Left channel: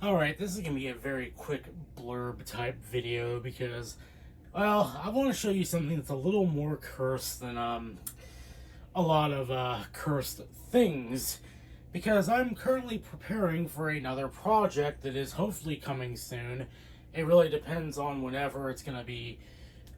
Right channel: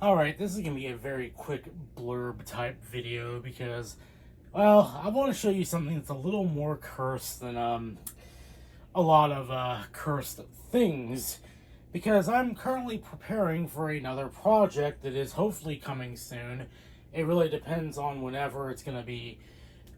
Alright, this is going to be a very quick blurb type video because, well, I want to show you something that's a little more cursed than a lot of cursed things, because I'm currently preparing for another project that is hopefully coming soon. It really depends on whenever it's going to be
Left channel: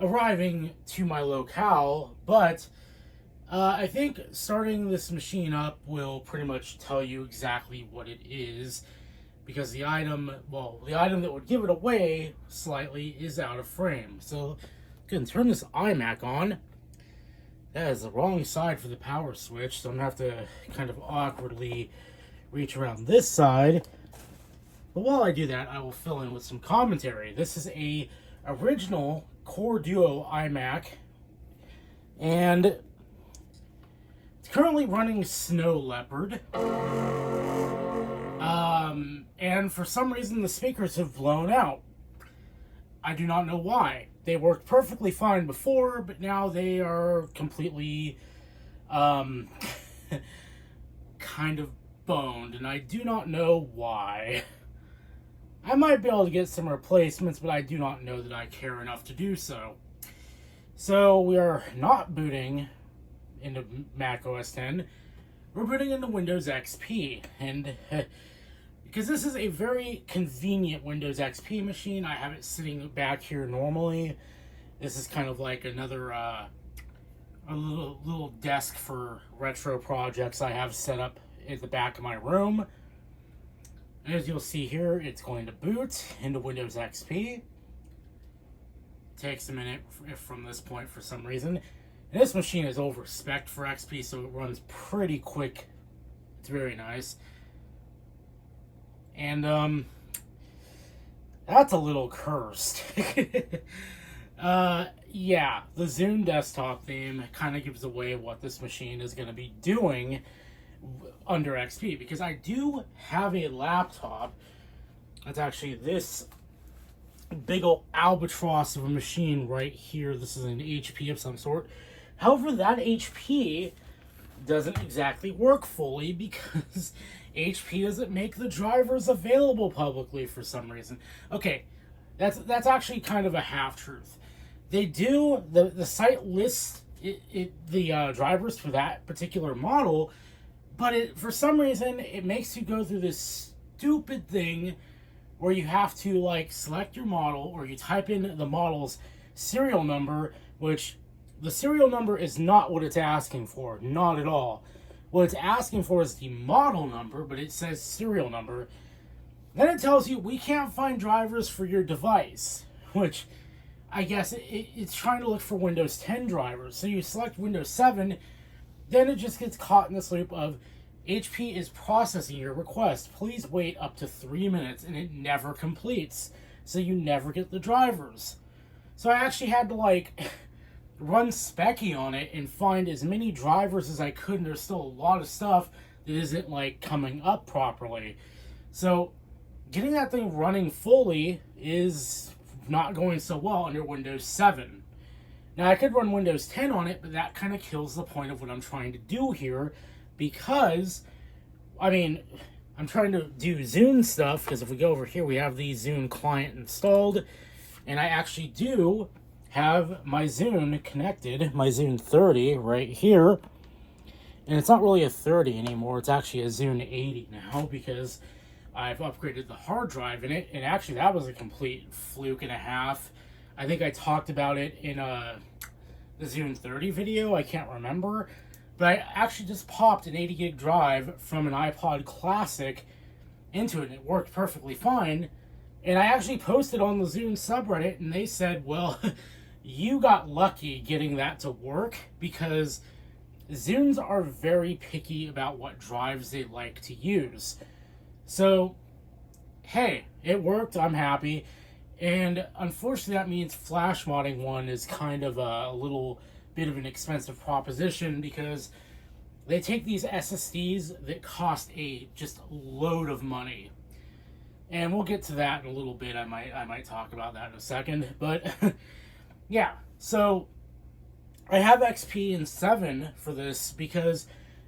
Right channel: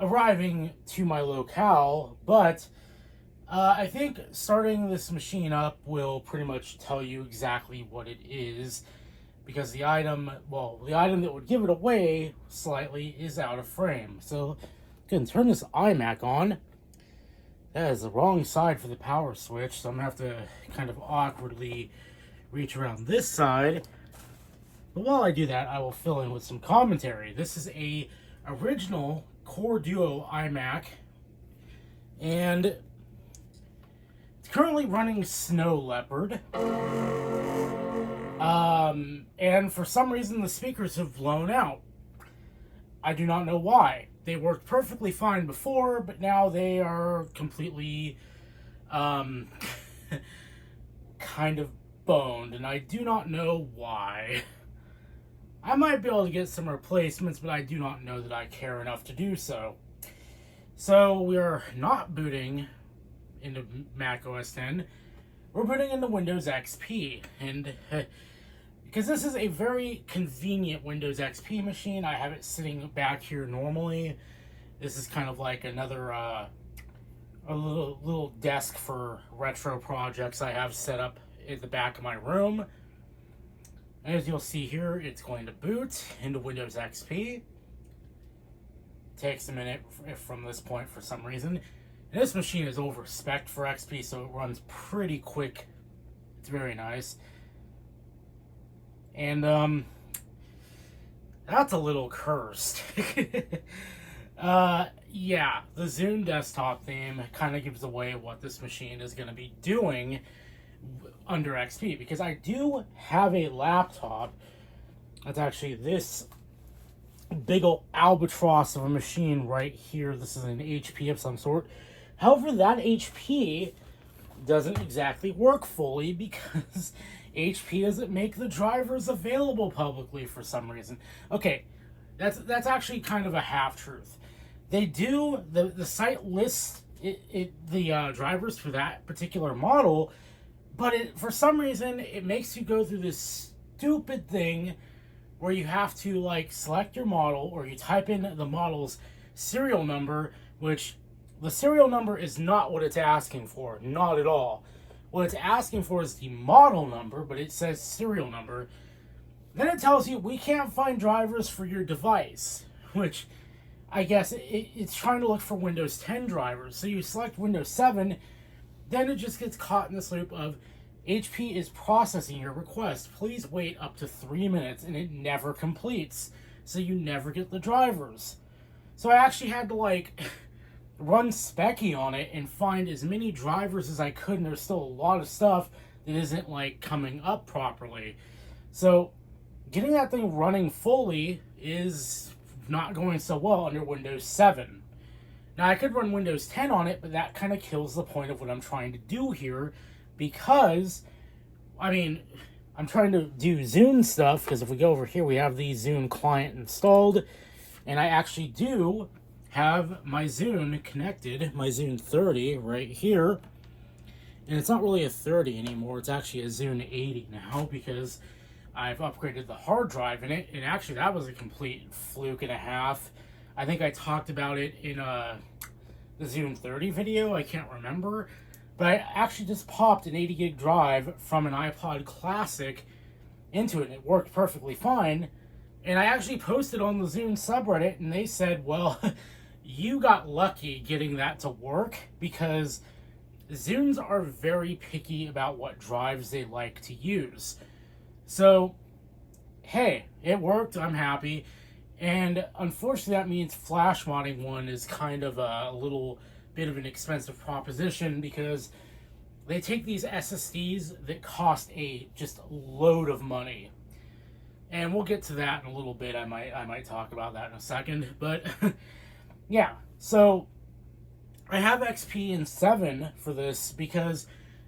arriving to my locale, but I think starting this machine up will pretty much tell you exactly what it is, because the item that would give it away slightly is out of frame. So, go and turn this iMac on. That is the wrong side for the power switch, so I'm gonna have to kind of awkwardly reach around this side. But while I do that, I will fill in with some commentary. This is a original Core Duo iMac, and it's currently running Snow Leopard. And for some reason the speakers have blown out. I do not know why. They worked perfectly fine before, but now they are completely kind of boned, and I do not know why. I might be able to get some replacements, but I do not know that I care enough to do so. So we are not booting into Mac OS X. We're booting into Windows XP, and because this is a very convenient Windows XP machine, I have it sitting back here normally. This is kind of like another a little desk for retro projects I have set up at the back of my room. And as you'll see here, it's going to boot into Windows XP. It takes a minute from this point for some reason. And this machine is over-spec'd for XP, so it runs pretty quick. It's very nice. And, that's a little cursed. Yeah, the Zune desktop theme kind of gives away what this machine is going to be doing under XP, because I do have a laptop that's actually this big old albatross of a machine right here. This is an HP of some sort. However, that HP doesn't exactly work fully because HP doesn't make the drivers available publicly for some reason. Okay, that's actually kind of a half-truth. They do, the site lists the drivers for that particular model, but for some reason, it makes you go through this stupid thing where you have to, like, select your model, or you type in the model's serial number, which the serial number is not what it's asking for. Not at all. What it's asking for is the model number, but it says serial number. Then it tells you, we can't find drivers for your device, which I guess it's trying to look for Windows 10 drivers. So you select Windows 7, then it just gets caught in this loop of, HP is processing your request. Please wait up to 3 minutes, and it never completes. So you never get the drivers. So I actually had to, like, run Specky on it and find as many drivers as I could, and there's still a lot of stuff that isn't, like, coming up properly. So getting that thing running fully is not going so well under Windows 7. Now, I could run Windows 10 on it, but that kind of kills the point of what I'm trying to do here, because, I mean, I'm trying to do Zune stuff, because if we go over here, we have the Zune client installed, and I actually do have my Zune connected, my Zune 30 right here, and it's not really a 30 anymore, it's actually a Zune 80 now, because I've upgraded the hard drive in it, and actually that was a complete fluke and a half. I think I talked about it in the Zune 30 video, I can't remember, but I actually just popped an 80 gig drive from an iPod Classic into it, and it worked perfectly fine. And I actually posted on the Zune subreddit, and they said, well, you got lucky getting that to work, because Zunes are very picky about what drives they like to use. So, hey, it worked, I'm happy. And unfortunately, that means flash modding one is kind of a little bit of an expensive proposition, because they take these SSDs that cost just a load of money. And we'll get to that in a little bit. I might talk about that in a second. But yeah, so I have XP in 7 for this because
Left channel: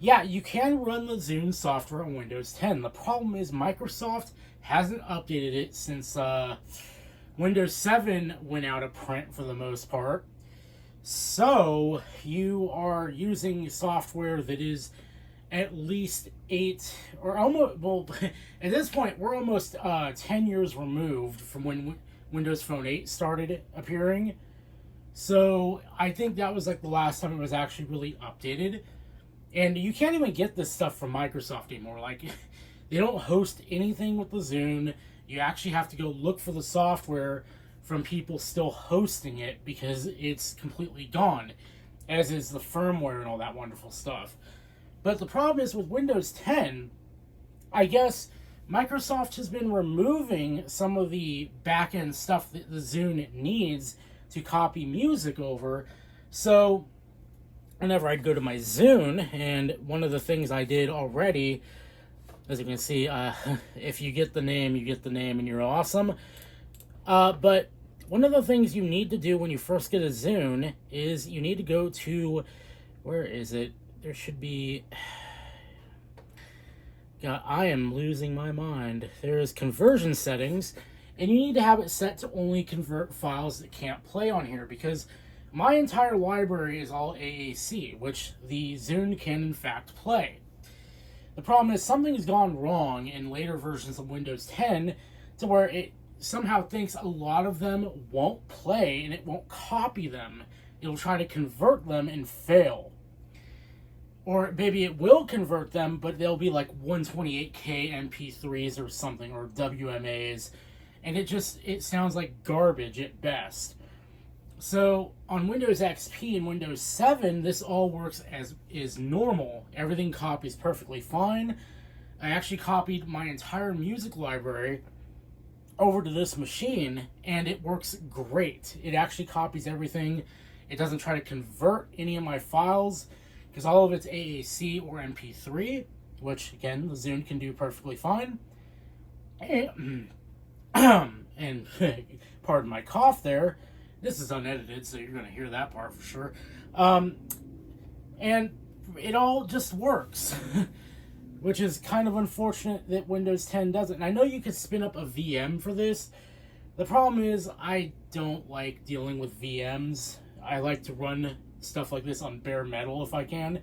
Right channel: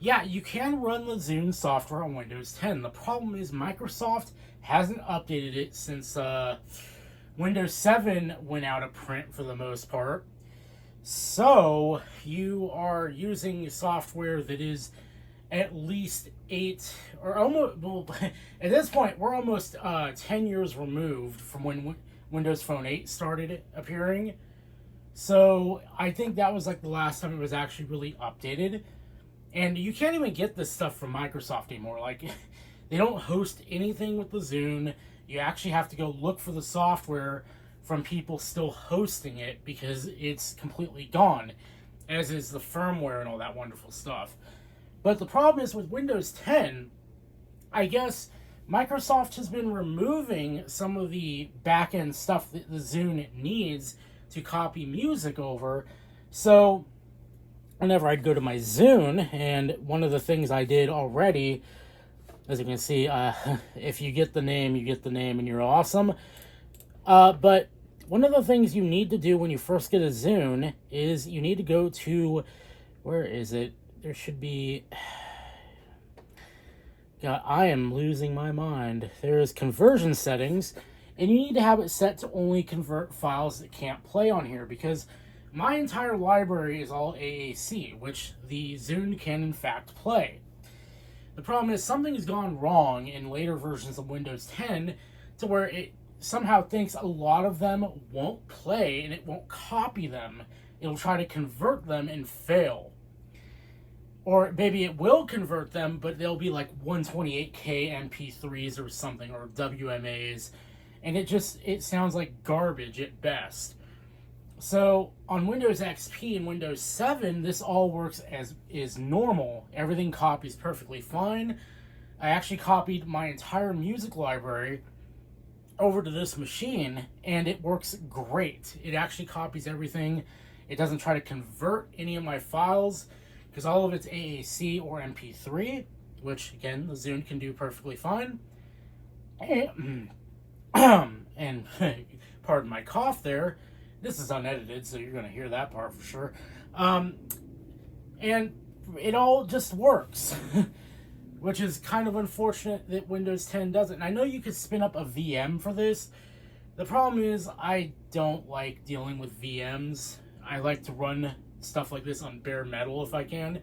Yeah, you can run the Zune software on Windows 10. The problem is Microsoft hasn't updated it since Windows 7 went out of print for the most part. So you are using software that is at least 8 or almost, well, at this point we're almost 10 years removed from when Windows Phone 8 started appearing. So I think that was like the last time it was actually really updated. And you can't even get this stuff from Microsoft anymore. Like, they don't host anything with the Zune. You actually have to go look for the software from people still hosting it because it's completely gone, as is the firmware and all that wonderful stuff. But the problem is with Windows 10, I guess Microsoft has been removing some of the back-end stuff that the Zune needs to copy music over. So whenever I'd go to my Zune, and one of the things I did already, as you can see, if you get the name, you get the name, and you're awesome. But one of the things you need to do when you first get a Zune is you need to go to, where is it? There should be, God, I am losing my mind. There's conversion settings, and you need to have it set to only convert files that can't play on here, because my entire library is all AAC, which the Zune can in fact play. The problem is something has gone wrong in later versions of Windows 10 to where it somehow thinks a lot of them won't play and it won't copy them. It'll try to convert them and fail. Or maybe it will convert them, but they'll be like 128K MP3s or something, or WMAs, and it sounds like garbage at best. So on Windows XP and Windows 7, this all works as is normal. Everything copies perfectly fine. I actually copied my entire music library over to this machine, and it works great. It actually copies everything. It doesn't try to convert any of my files, because all of it's AAC or MP3, which, again, the Zune can do perfectly fine. And pardon my cough there. This is unedited, so you're going to hear that part for sure. And it all just works, which is kind of unfortunate that Windows 10 doesn't. And I know you could spin up a VM for this. The problem is I don't like dealing with VMs. I like to run stuff like this on bare metal if I can.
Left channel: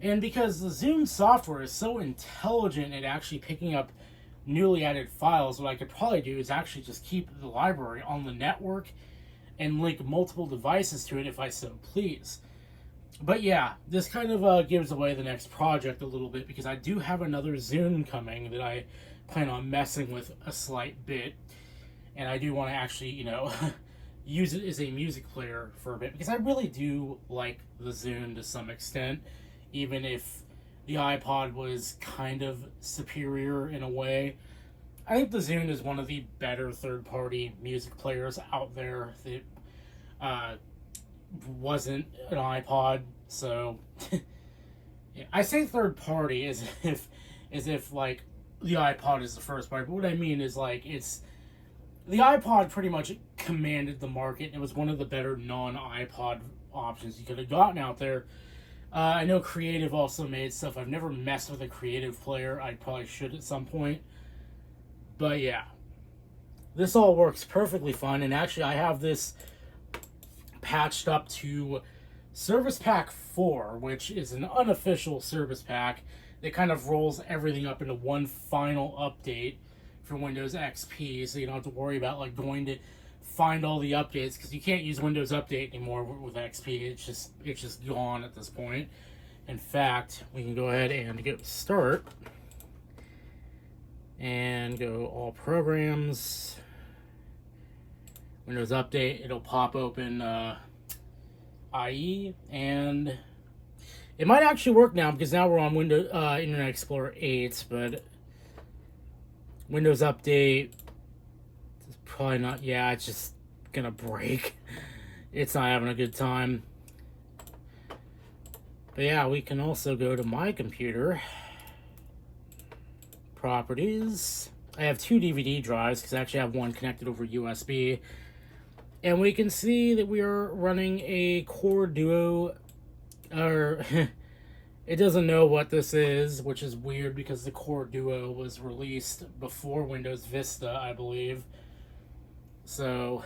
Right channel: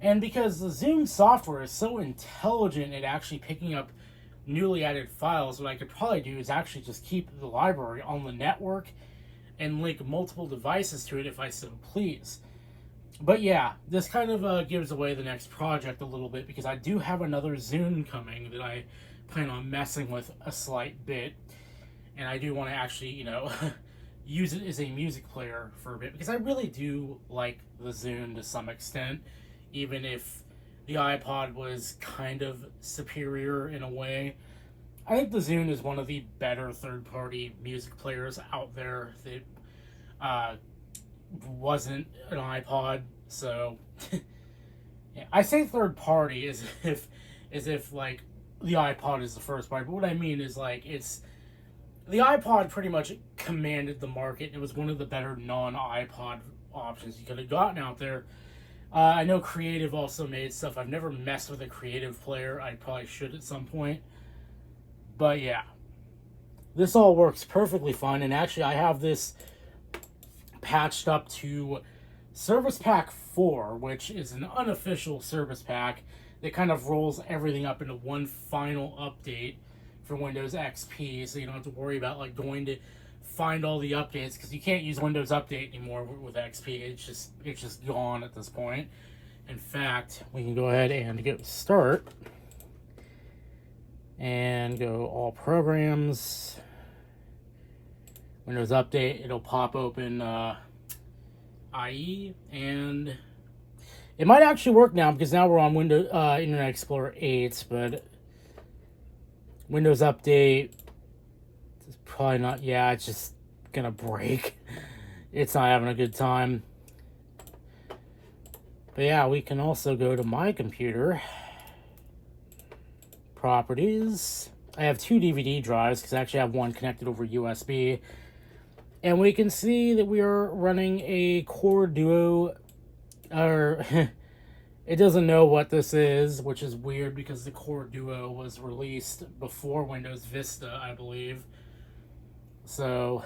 And because the Zune software is so intelligent at actually picking up newly added files, what I could probably do is actually just keep the library on the network and link multiple devices to it if I so please. But yeah, this kind of gives away the next project a little bit, because I do have another Zune coming that I plan on messing with a slight bit. And I do want to actually, use it as a music player for a bit, because I really do like the Zune to some extent, even if the iPod was kind of superior in a way. I think the Zune is one of the better third-party music players out there that wasn't an iPod. So yeah, I say third-party as if like the iPod is the first party, but what I mean is like the iPod pretty much commanded the market, and it was one of the better non-iPod options you could have gotten out there. I know Creative also made stuff. I've never messed with a Creative player. I probably should at some point. But yeah, this all works perfectly fine. And actually, I have this patched up to Service Pack 4, which is an unofficial service pack that kind of rolls everything up into one final update for Windows XP, so you don't have to worry about like going to find all the updates, because you can't use Windows Update anymore with XP. It's just gone at this point. In fact, we can go ahead and go start and go all programs, Windows Update. It'll pop open IE, and it might actually work now, because now we're on Windows Internet Explorer 8, but Windows Update is probably not. Yeah, it's just gonna break. It's not having a good time. But yeah, we can also go to my computer. Properties. I have 2 DVD drives, because I actually have one connected over USB. And we can see that we are running a Core Duo, or It doesn't know what this is, which is weird because the Core Duo was released before Windows Vista, I believe. So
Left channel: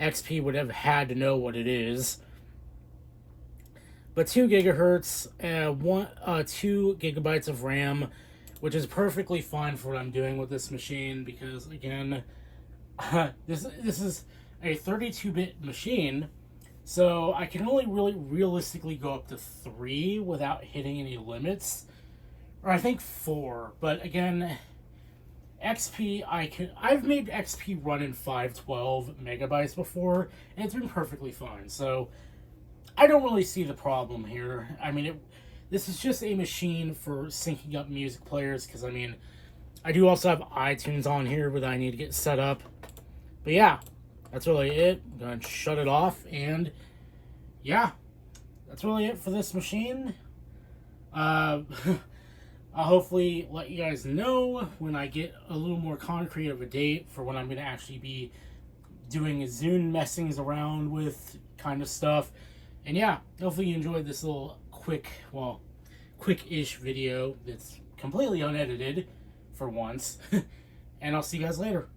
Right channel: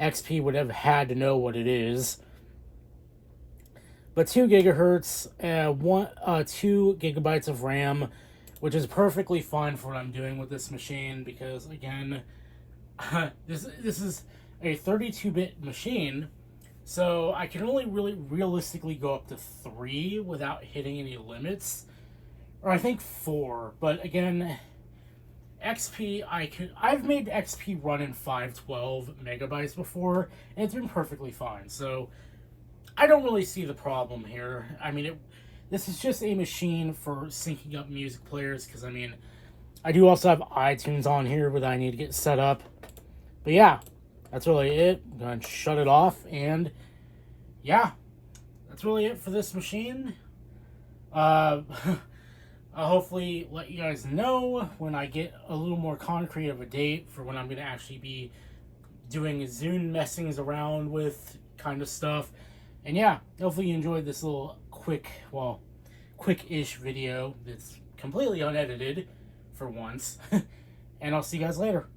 XP would have had to know what it is. But 2 gigahertz, 2 gigabytes of RAM, which is perfectly fine for what I'm doing with this machine because, again, this is a 32-bit machine, so I can only really realistically go up to 3 without hitting any limits, or I think 4. But again, XP, I've made XP run in 512 megabytes before, and it's been perfectly fine. So I don't really see the problem here. I mean, this is just a machine for syncing up music players, because, I mean, I do also have iTunes on here, but I need to get set up. But yeah, that's really it. I'm going to shut it off, and yeah, that's really it for this machine. I'll hopefully let you guys know when I get a little more concrete of a date for when I'm going to actually be doing Zune messings around with kind of stuff. And yeah, hopefully you enjoyed this little quick-ish video that's completely unedited for once. And I'll see you guys later.